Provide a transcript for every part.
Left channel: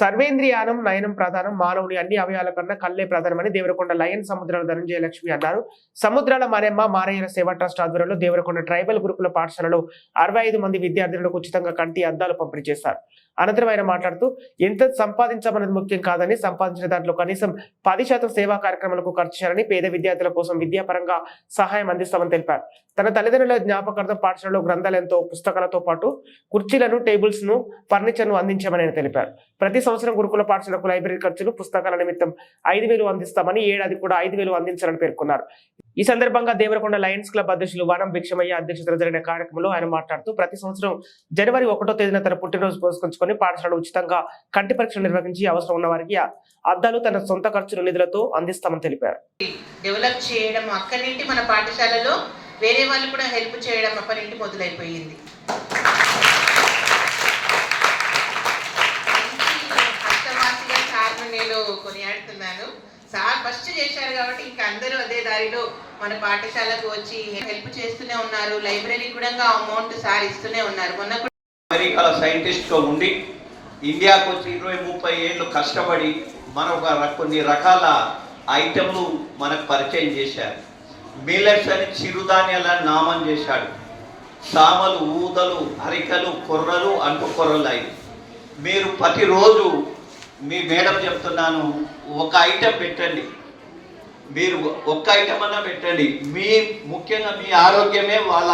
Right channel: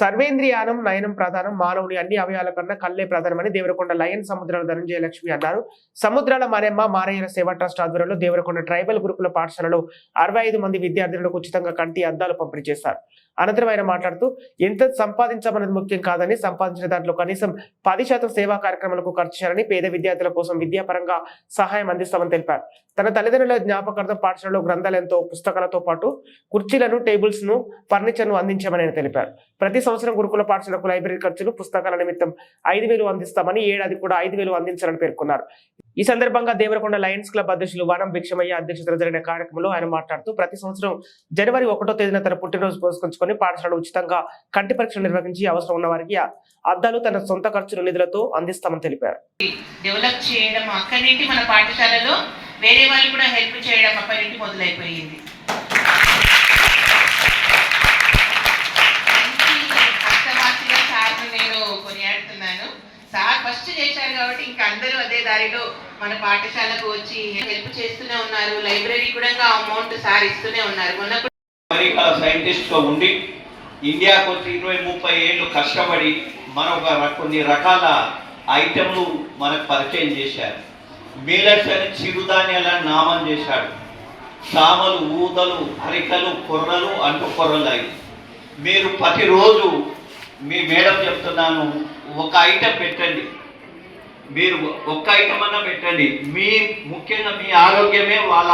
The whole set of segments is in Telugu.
సర్వేంద్రియానం నయనం ప్రధానం, మానవుని అన్ని అవయాల కన్నా కళ్ళే ప్రధానమని దేవరకొండ లయన్ సముద్రాల ధనంజయ లక్ష్మి అన్నారు. సముద్రాల మారెమ్మ మారయ్యల సేవా ట్రస్ట్ ఆధ్వర్యంలో దేవరకొండ ట్రైబల్ గురుకుల పాఠశాలలో 65 మంది విద్యార్థులకు ఉచితంగా కంటి అద్దాలు పంపిణీ చేశారు. అనంతరం ఆయన మాట్లాడుతూ ఎంత సంపాదించమన్నది ముఖ్యం కాదని, సంపాదించిన దాంట్లో కనీసం 10% సేవా కార్యక్రమాలకు ఖర్చు చేయాలని, పేద విద్యార్థుల కోసం విద్యాపరంగా సహాయం అందిస్తామని తెలిపారు. తన తల్లిదండ్రుల జ్ఞాపకార్థం పాఠశాలలో గ్రంథాలయంతో పుస్తకాలతో పాటు కుర్చీలను, టేబుల్స్ ను, ఫర్నిచర్ ను అందించామని ఆయన తెలిపారు. ప్రతి సంవత్సరం గురుకుల పాఠశాలకు లైబ్రరీ ఖర్చులు, పుస్తకాల నిమిత్తం 5,000 అందిస్తామని, ఏడాది కూడా 5,000 అందించాలని పేర్కొన్నారు. ఈ సందర్భంగా దేవరకొండ లయన్స్ క్లబ్ అధ్యక్షులు వనం భిక్షమయ్య అధ్యక్షతన జరిగిన కార్యక్రమంలో ఆయన మాట్లాడుతూ ప్రతి సంవత్సరం జనవరి 1వ తేదీన తన పుట్టినరోజు పురస్కరించుకొని పాఠశాలలో ఉచితంగా కంటి పరీక్షలు నిర్వహించి అవసరం ఉన్న వారికి అద్దాలు తన సొంత ఖర్చుల నిధులతో అందిస్తామని తెలిపారు. డెవలప్ చేయడం అక్కడి నుండి మన పాఠశాలలో వేరే వాళ్ళు కూడా హెల్ప్ చేయడం అక్కడి నుండి మొదలైపోయింది. సార్ ఫస్ట్ చేశారు కాబట్టి ఇంకా అందరూ అదే దారిలో మన పాఠశాలకు వచ్చి హెల్ప్ చేస్తూనే ఉన్నారు. లైబ్రరీ కూడా అమౌంట్ సార్ ఇస్తూనే ఉన్నారు. మొన్న అమెరికా సైంటిస్ట్ గా ఉండి ఇండియాకు వచ్చి 20-30 ఏళ్ళు కష్టపడి కొన్ని రకాల ఐటెంలు మనకు పరిచయం చేశారు. మిల్లెట్స్ అని చిరుధాన్యాలను నామం చేశాడు. సామలు, ఊదలు, అరికలు, కొర్రలు, అంటు కొర్రలు అయి మీరు ప్రతిరోజు మీ మేడం చెప్తున్నాను, ఒక ఐటెం పెట్టండి. మీరు ఒక్క ఐటెం అన్నా పెట్టండి. ముఖ్యంగా మీ ఆరోగ్యమే వాళ్ళ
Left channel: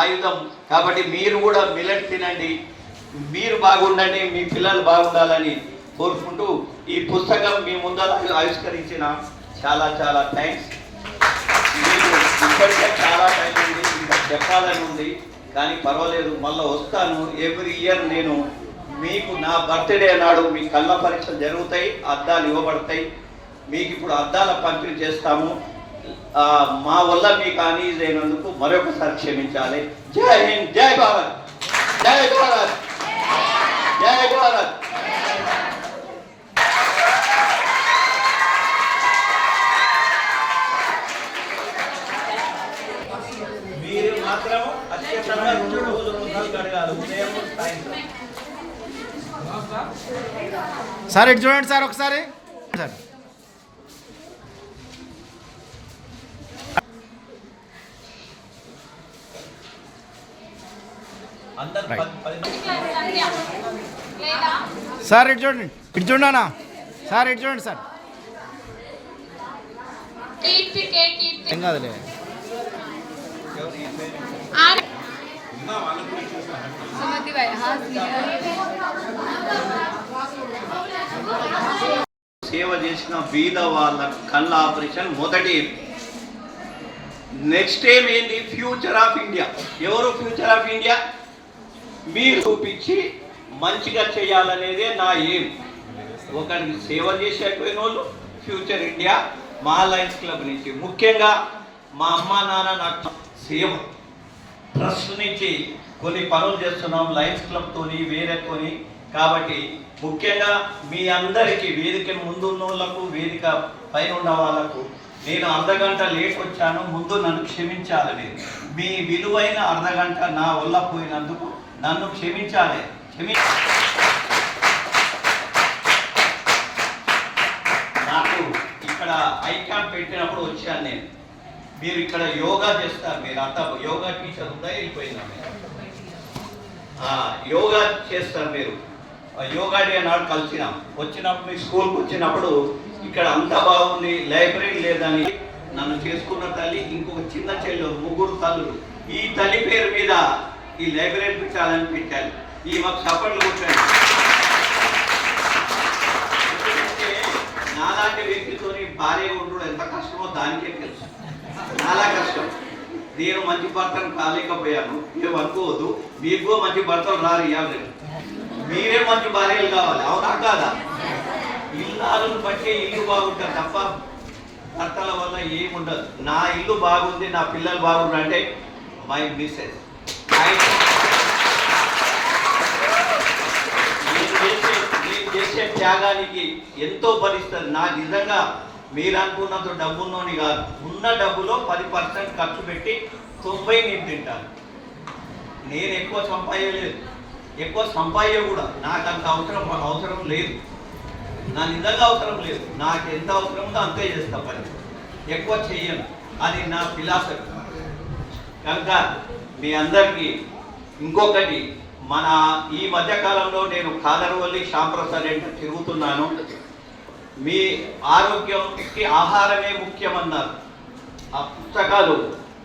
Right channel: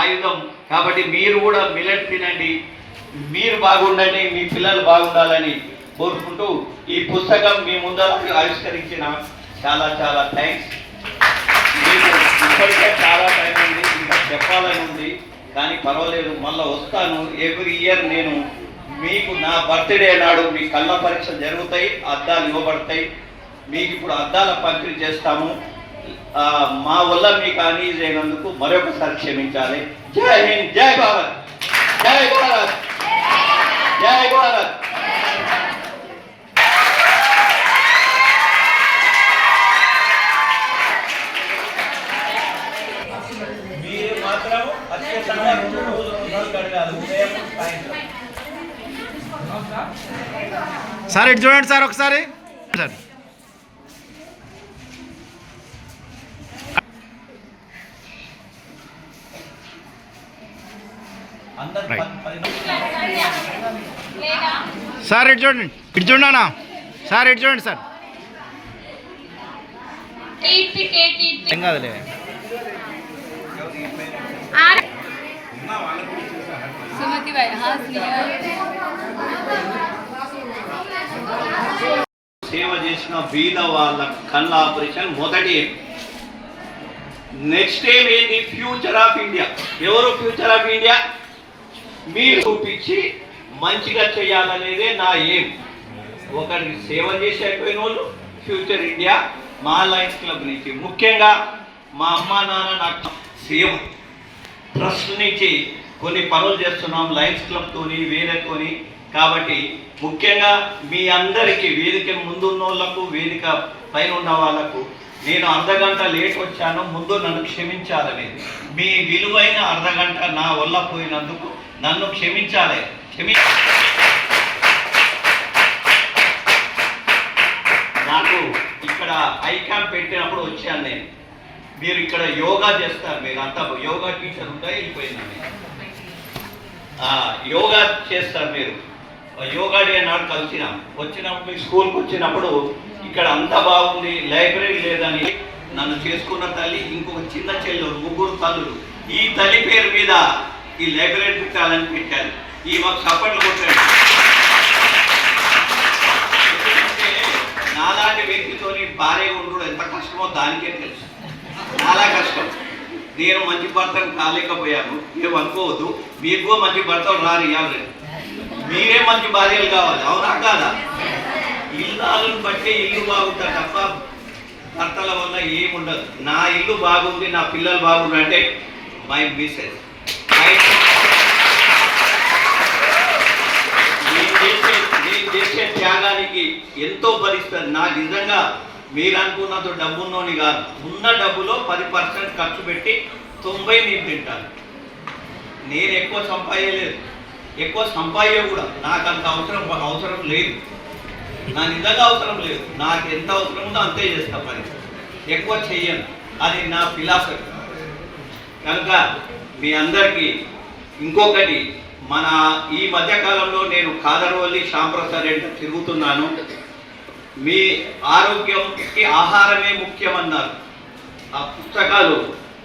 ఆయుధం కాబట్టి మీరు కూడా మిల్లెట్ తినండి, మీరు బాగుండండి, మీ పిల్లలు బాగుండాలని కోరుకుంటూ ఈ పుస్తకం మీ ముందర ఆవిష్కరించిన చాలా చాలా థ్యాంక్స్. మీకు ఇప్పటికే చాలా టైం ఉంది, ఇంకా చెప్పాలని ఉంది, కానీ పర్వాలేదు, మళ్ళీ వస్తాను. ఎవ్రీ ఇయర్ నేను మీకు నా బర్త్డే నాడు మీ కళ్ళ పరీక్షలు జరుగుతాయి, అద్దాలు ఇవ్వబడతాయి. మీకు ఇప్పుడు అద్దాల పంపిణీ చేస్తాము. మా వల్ల మీకు అనీజ్ అయినందుకు మరొకసారి క్షమించాలి. జై హింద్, జై భారత్, జై భారత్, జై భారత్. మీరు మాత్రం అత్యంతంగా రోజు గడగాలి, ఉదయం సాయంత్రం. సార్ ఇటు చూడండి సార్ ఒకసారి. సార్ సార్ ఇటు చూడండి, ఇటు చూడనా సార్, ఇటు చూడండి సార్. ఏం కాదులే. సేవ చేసిన బీద వాళ్ళ కళ్ళ ఆపరేషన్ మొదటి. నెక్స్ట్ ఏం ఏంటి? Future of India. ఎవరు ఫ్యూచర్ ఆఫ్ ఇండియా? మీరు చూపించి మంచిగా చేయాలనేదే నా ఏం. ఒకరికి సేవ చేసేపోయిన వాళ్ళు ఫ్యూచర్ ఇండియా. మా లయన్స్ క్లబ్ నుంచి ముఖ్యంగా మా అమ్మా నాన్న నాకు సేవ ట్రస్ట్ నుంచి కొన్ని పనులు చేస్తున్నాం లయన్స్ క్లబ్తోని, వేరేతోని. కాబట్టి ముఖ్యంగా మీ అందరికీ, వేదిక ముందున్న వాళ్ళకు, వేదిక పైన ఉన్న వాళ్ళకు నేను అర్ధగంట లేట్ వచ్చాను, ముందు నన్ను క్షమించాలని. మీ విలువైన అర్ధగంట నా వల్ల పోయినందుకు నన్ను క్షమించాలి. నాకు ఇక్కడ ఐ క్యాంప్ పెట్టినప్పుడు వచ్చాను నేను. మీరు ఇక్కడ యోగా చేస్తారు, మీరు అంతా యోగా టీచర్ ఉందా? వెళ్ళిపోయిందండి. యోగా చేస్తారు మీరు. యోగా డే నాడు వచ్చినప్పుడు మీ స్కూల్కి వచ్చినప్పుడు ఇక్కడ అంత బాగుంది, లైబ్రరీ లేదని నన్ను చేసుకున్న తల్లి, ఇంకొక చిన్న చెల్లెలు, 3 తల్లులు. ఈ తల్లి పేరు మీద ఈ లైబ్రరీ పెట్టాలని పెట్టారు. ఈ మాకు సపోర్ట్లు కొట్టాడు. నాలాంటి వ్యక్తితోని భార్యగా ఉండడం ఎంత కష్టమో దానికే తెలుసు. చాలా కష్టం. నేను మంచి భర్తను కాలేకపోయాను. మీరు అనుకోవద్దు, మీకు మంచి భర్తలు రారు. ఇవ్వాలి, మీరే మంచి భార్యలు కావాలి. అవునా కాదా? ఇల్లాలను బట్టి ఇల్లు బాగుంటుంది తప్ప భర్తల వల్ల ఏముండదు. నా ఇల్లు బాగుంది, నా పిల్లలు బాగుంది అంటే మై మిస్సెస్. నేను చేసే త్యాగానికి ఎంతో భరిస్తుంది. నాకు నిజంగా మీరు అనుకున్నంత డబ్బున్నోని కాదు. ఉన్న డబ్బులో 10% ఖర్చు పెట్టి 90 నేను తింటాను. నేను ఎక్కువ సంపాదలేదు. ఎక్కువ సంపాద్యం కూడా నాకు అంత అవసరం లేదు, నా నిజంగా అవసరం లేదు. నాకు ఎంత అవసరం ఉందో అంతే చేస్తా పని, ఎక్కువ చెయ్యను. అది నా ఫిలాసఫీ. కనుక మీ అందరికీ ఇంకొకటి, మన ఈ మధ్యకాలంలో నేను కాదర్వల్లి శ్యాంప్రసాద్ రెడ్డి తిరుగుతున్నాను. మీ ఆరోగ్యంకి ఆహారమే ముఖ్యమన్నారు. ఆ పుస్తకాలు